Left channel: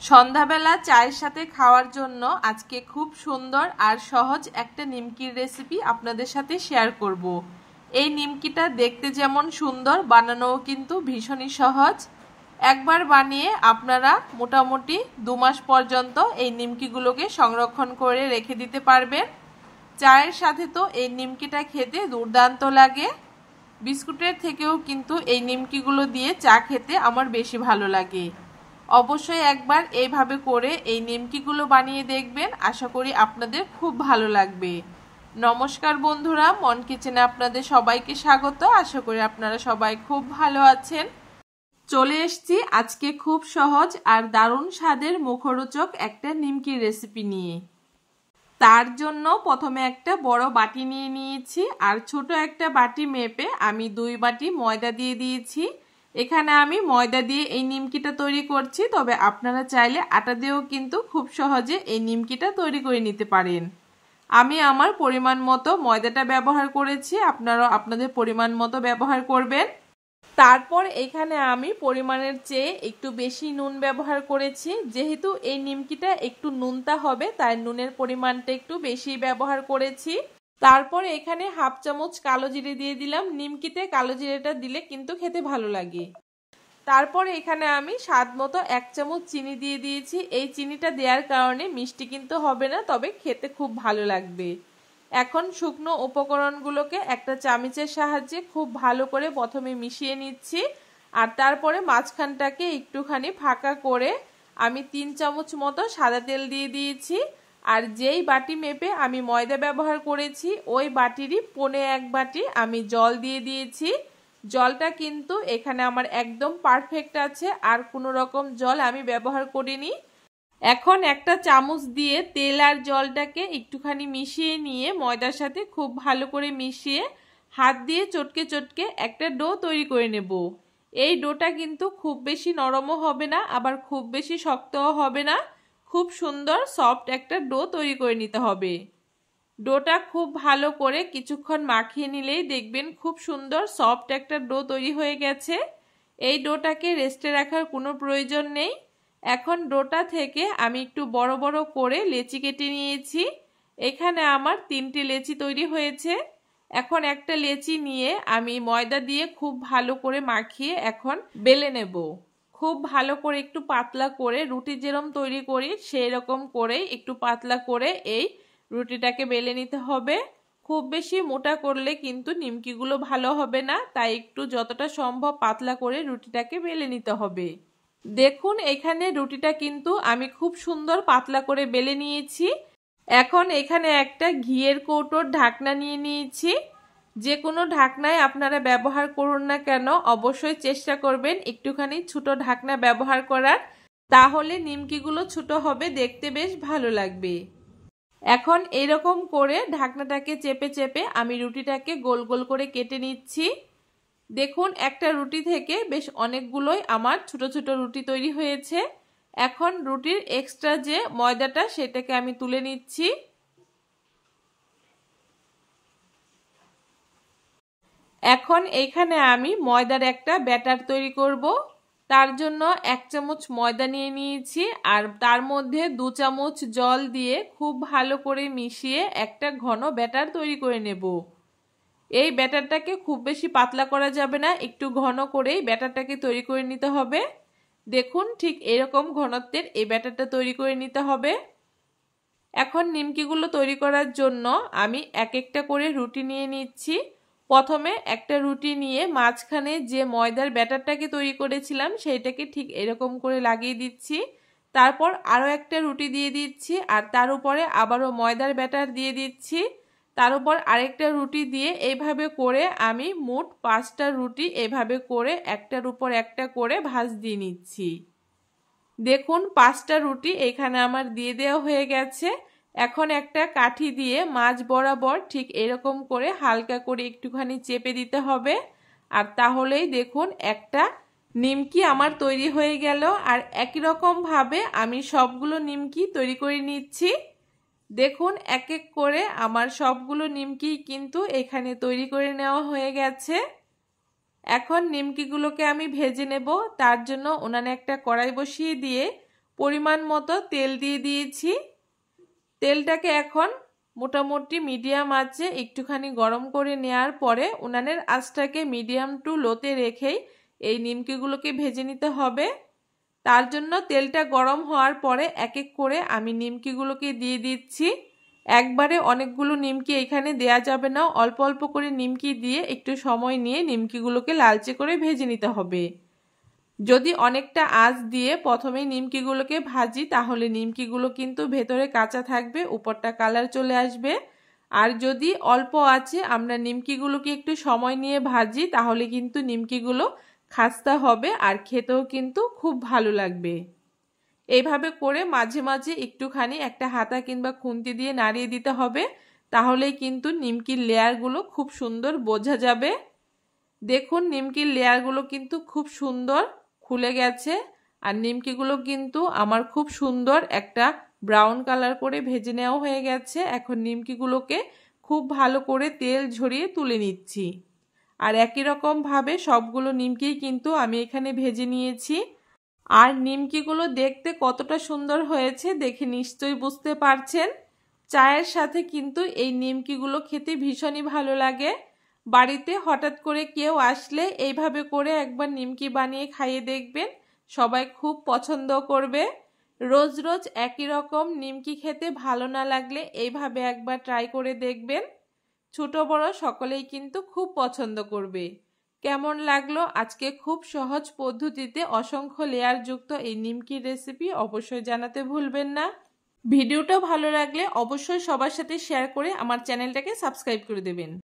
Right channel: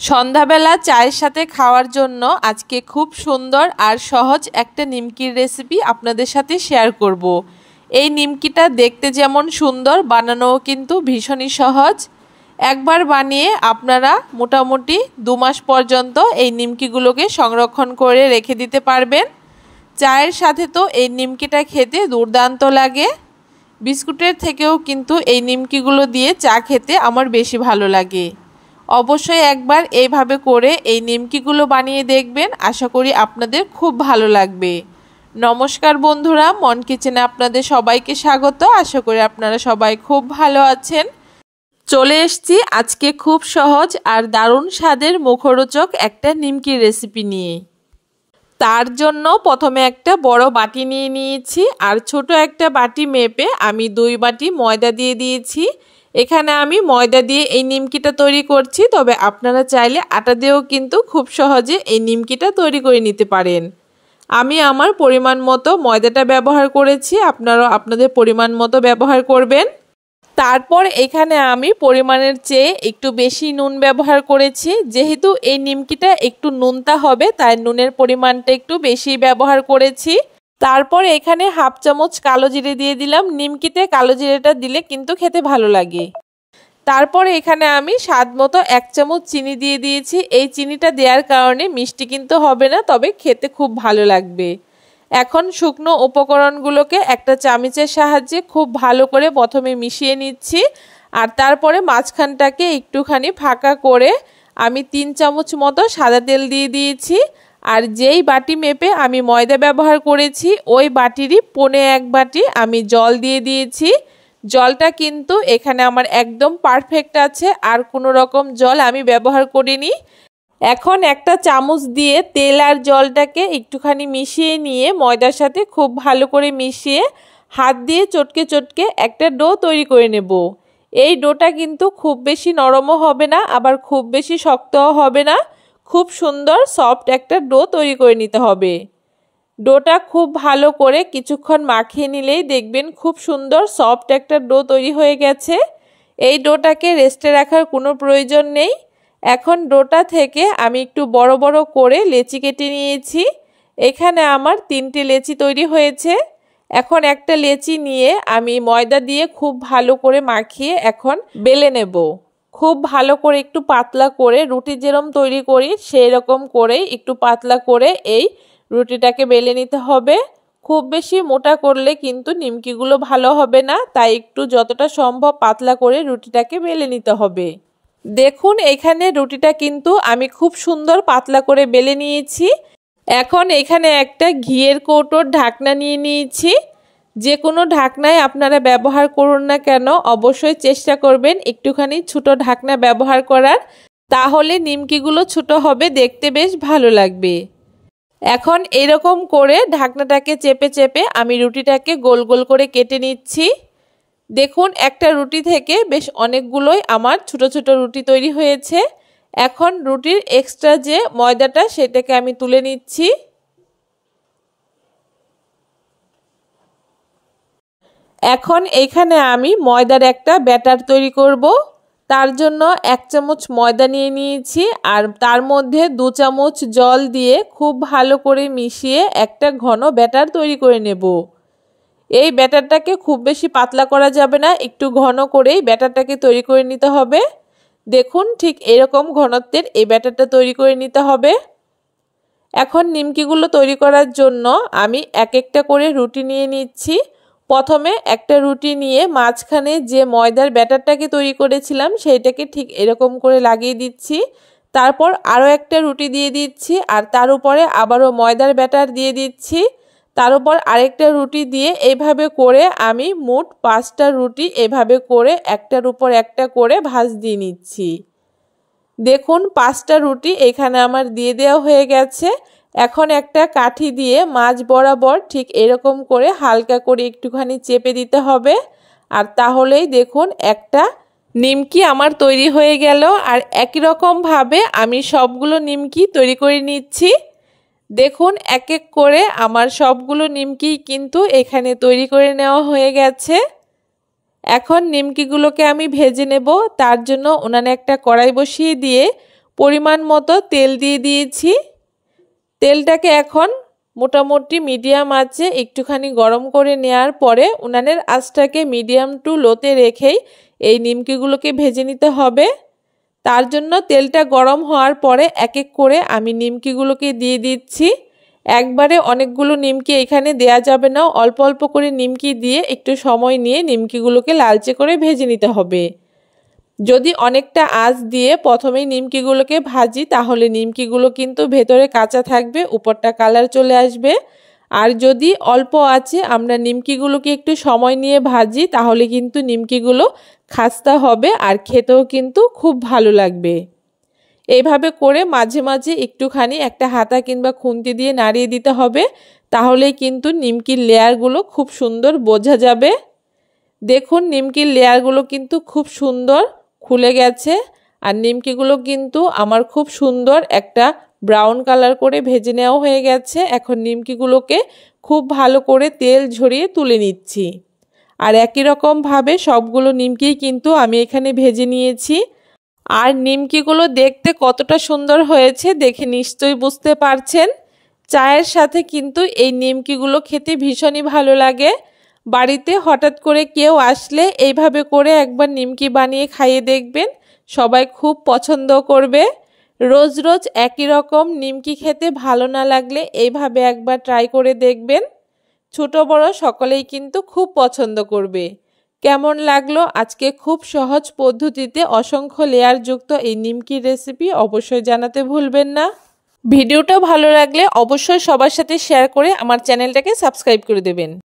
সন্ধ্যাবেলা চায়ের সাথে খাওয়ার জন্য আজকে খুব সুন্দর আর সহজ একটা নিমকির রেসিপি আপনাদের সাথে শেয়ার করব। এই নিমকিটা দেখতে যেমন সুন্দর, বানানোও কিন্তু ভীষণই সহজ। একবার বানিয়ে আপনারা মোটামুটি 2 মাস পর্যন্ত এই নিমকিগুলোকে সংরক্ষণ করে রেখে দিতে পারবেন। চায়ের সাথে তো এই নিমকিটা খেতে দুর্দান্ত লাগে। বিস্কুটের থেকেও কিন্তু এই নিমকিগুলো দিয়ে চা খেতে আমার বেশি ভালো লাগে। অবশ্যই একবার এইভাবে করে এই নিমকিগুলো বানিয়ে দেখবেন, আশা করি আপনাদের খুব ভালো লাগবে। নমস্কার বন্ধুরা, মন কিচেনে আপনাদের সবাইকে স্বাগত। আশা করি আপনারা সবাই খুব ভালো আছেন। চলে এসেছি আজকে খুব সহজ আর দারুণ স্বাদের মুখরোচক একটা নিমকির রেসিপি নিয়ে। তার জন্য প্রথমে একটা বড় বাটি নিয়ে নিয়েছি আর ছোট একটা বাটি মেপে আমি 2 বাটি ময়দা দিয়ে দিয়েছি। এখানে আমি ময়দা দিয়ে এই নিমকিটা তৈরি করছি, তবে আপনারা চাইলে আটা দিয়েও কিন্তু খুব সহজে এই নিমকিটা তৈরি করে নিতে পারেন। আমি আমার পরিমাণ মতো ময়দাটা ব্যবহার করেছি, আপনারাও আপনাদের পরিমাণ মতো ব্যবহার করবেন। তারপর এখানে আমি পরিমাণের চেয়ে একটু বেশি নুন ব্যবহার করেছি। যেহেতু এই নিমকিটা একটু নুনতা হবে, তাই নুনের পরিমাণটা একটু বেশি ব্যবহার করেছি। তারপর এখানে 1/2 চামচ কালো জিরে দিয়ে দিলাম। নিমকিতে কালো জিরেটা দিলে কিন্তু খেতে ভালো লাগে। তারপর এখানে আমি স্বাদ মতো 1 চামচ চিনি দিয়ে দিয়েছি। এই চিনিটা দেওয়ার কারণে মিষ্টি কিন্তু হবে না, তবে খেতে খুব ভালো লাগবে। এখন শুকনো উপকরণগুলোকে একটা চামচের সাহায্যে খুব ভালো করে প্রথমে মিশিয়ে নিচ্ছি, আর তারপরে মাঝখানটাকে একটুখানি ফাঁকা করে আমি 3 চামচ মতো সাদা তেল দিয়ে দিয়েছি। আর যেই বাটি মেপে আমি ময়দা ব্যবহার করেছি ওই বাটিরই 1/4 বাটি আমি জল দিয়ে দিয়েছি। জলটা কিন্তু এখানে আমার একদম পারফেক্ট আছে, আর কোনো রকম জল আমি ব্যবহার করিনি। এখন একটা চামচ দিয়ে তেল আর জলটাকে একটুখানি মিশিয়ে নিয়ে ময়দার সাথে খুব ভালো করে মিশিয়ে হাত দিয়ে চটকে চটকে একটা ডো তৈরি করে নেব। এই ডোটা কিন্তু খুব বেশি নরমও হবে না, আবার খুব বেশি শক্তও হবে না। খুব সুন্দর সফট একটা ডো তৈরি করে নিতে হবে। ডোটা খুব ভালো করে কিছুক্ষণ মাখিয়ে নিলেই দেখবেন খুব সুন্দর সফট একটা ডো তৈরি হয়ে গেছে। এই ডোটাকে রেস্টে রাখার কোনো প্রয়োজন নেই। এখন ডোটা থেকে আমি একটু বড় বড় করে লেচি কেটে নিয়েছি। এখানে আমার 3টে লেচি তৈরি হয়েছে। এখন একটা লেচি নিয়ে আমি ময়দা দিয়ে খুব ভালো করে মাখিয়ে এখন বেলে নেব। খুব ভালো করে একটু পাতলা করে রুটি যেরকম তৈরি করি সেই রকম করেই একটু পাতলা করে এই রুটিটাকে বেলে নিতে হবে। খুব বেশি মোটা করলে কিন্তু নিমকিগুলো ভালো হবে না, তাই একটু যতটা সম্ভব পাতলা করে রুটিটাকে বেলে নিতে হবে। দেখুন এখানে রুটিটা কিন্তু আমি খুব সুন্দর পাতলা করে বেলে নিয়েছি। এখন এখানে একটা ঘিয়ের কৌটোর ঢাকনা নিয়ে নিয়েছি। যে কোনো ঢাকনায় আপনারা ব্যবহার করুন না কেন, অবশ্যই চেষ্টা করবেন একটুখানি ছোট ঢাকনা ব্যবহার করার, তাহলে নিমকিগুলো ছোট হবে, দেখতে বেশ ভালো লাগবে। এখন এরকম করে ঢাকনাটাকে চেপে চেপে আমি রুটিটাকে গোল গোল করে কেটে নিচ্ছি। দেখুন একটা রুটি থেকে বেশ অনেকগুলোই আমার ছোট ছোট রুটি তৈরি হয়েছে। এখন রুটির এক্সট্রা যে ময়দাটা সেটাকে আমি তুলে নিচ্ছি। এখন এখানে আমি ময়দার একটা ব্যাটার তৈরি করব। তার জন্য 1 চামচ ময়দা নিয়ে নিয়েছি, আর তার মধ্যে 2 চামচ জল দিয়ে খুব ভালো করে মিশিয়ে একটা ঘন ব্যাটার তৈরি করে নেব। এই ব্যাটারটাকে খুব বেশি পাতলা করা যাবে না, একটু ঘন করেই ব্যাটারটাকে তৈরি করে নিতে হবে। দেখুন ঠিক এরকম ঘনত্বের এই ব্যাটারটা তৈরি করে নিতে হবে। এখন নিমকিগুলো তৈরি করার জন্য আমি এক একটা করে রুটি নিয়ে নিচ্ছি। প্রথমে একটা রুটি নিয়ে মাঝখানে যে ময়দার ব্যাটারটাকে তৈরি করেছিলাম সেইটাকে ঠিক এরকম করে লাগিয়ে দিচ্ছি। তারপর আরও একটা রুটি দিয়ে দিচ্ছি, আর তার উপরে আবারও ময়দার ব্যাটার দিয়ে দিচ্ছি। তার উপর আরেকটা রুটি দিয়ে এইভাবে করে আমি মোট 5টা রুটি এভাবে করে একটার উপর একটা করে ভাঁজ দিয়ে নিচ্ছি। দেখুন 5টা রুটি এখানে আমার দিয়ে দেওয়া হয়ে গেছে। এখন একটা কাঠি দিয়ে মাঝ বরাবর ঠিক এরকম করে হালকা করে একটুখানি চেপে দিতে হবে, আর তাহলেই দেখুন একটা নিমকি আমার তৈরি হয়ে গেল। আর একই রকমভাবে আমি সবগুলো নিমকি তৈরি করে নিচ্ছি। দেখুন এক এক করে আমার সবগুলো নিমকি কিন্তু এখানে তৈরি করে নেওয়া হয়ে গেছে। এখন নিমকিগুলোকে আমি ভেজে নেব। তার জন্য উনানে একটা কড়াই বসিয়ে দিয়ে পরিমাণ মতো তেল দিয়ে দিয়েছি। তেলটাকে এখন মোটামুটি মিডিয়াম আঁচে একটুখানি গরম করে নেওয়ার পরে উনানের আঁচটাকে মিডিয়াম টু লোতে রেখেই এই নিমকিগুলোকে ভেজে নিতে হবে। তার জন্য তেলটা গরম হওয়ার পরে এক এক করে আমি নিমকিগুলোকে দিয়ে দিচ্ছি। একবারে অনেকগুলো নিমকি এখানে দেয়া যাবে না, অল্প অল্প করে নিমকি দিয়ে একটু সময় নিয়ে নিমকিগুলোকে লালচে করে ভেজে নিতে হবে। যদি অনেকটা আঁচ দিয়ে প্রথমেই নিমকিগুলোকে ভাজি তাহলে নিমকিগুলো কিন্তু ভেতরে কাঁচা থাকবে, উপরটা কালার চলে আসবে। আর যদি অল্প আঁচে আমরা নিমকিগুলোকে একটু সময় নিয়ে ভাজি তাহলে কিন্তু নিমকিগুলো খাস্তা হবে আর খেতেও কিন্তু খুব ভালো লাগবে। এইভাবে করে মাঝে মাঝে একটুখানি একটা হাতা কিংবা খুন্তি দিয়ে নাড়িয়ে দিতে হবে, তাহলেই কিন্তু নিমকির লেয়ারগুলো খুব সুন্দর বোঝা যাবে। দেখুন নিমকির লেয়ারগুলো কিন্তু খুব সুন্দর খুলে গেছে আর নিমকিগুলো কিন্তু আমার খুব সুন্দর একটা ব্রাউন কালার করে ভেজে নেওয়া হয়ে গেছে। এখন নিমকিগুলোকে খুব ভালো করে তেল ঝরিয়ে তুলে নিচ্ছি। আর একই রকমভাবে সবগুলো নিমকি কিন্তু আমি এখানে ভেজে নিয়েছি। আর নিমকিগুলো দেখতে কতটা সুন্দর হয়েছে দেখে নিশ্চয়ই বুঝতে পারছেন। চায়ের সাথে কিন্তু এই নিমকিগুলো খেতে ভীষণই ভালো লাগে। বাড়িতে হঠাৎ করে কেউ আসলে এইভাবে করে একবার নিমকি বানিয়ে খাইয়ে দেখবেন, সবাই খুব পছন্দ করবে। রোজ রোজ একই রকম নিমকি খেতে ভালো না লাগলে এইভাবে একবার ট্রাই করে দেখবেন, ছোট বড় সকলেই কিন্তু খুব পছন্দ করবে। কেমন লাগলো আজকে খুব সহজ পদ্ধতিতে অসংখ্য লেয়ারযুক্ত এই নিমকির রেসিপি অবশ্যই জানাতে ভুলবেন না। ভিডিওটা ভালো লাগলে অবশ্যই সবার সাথে শেয়ার করে আমার চ্যানেলটাকে সাবস্ক্রাইব করে দেবেন।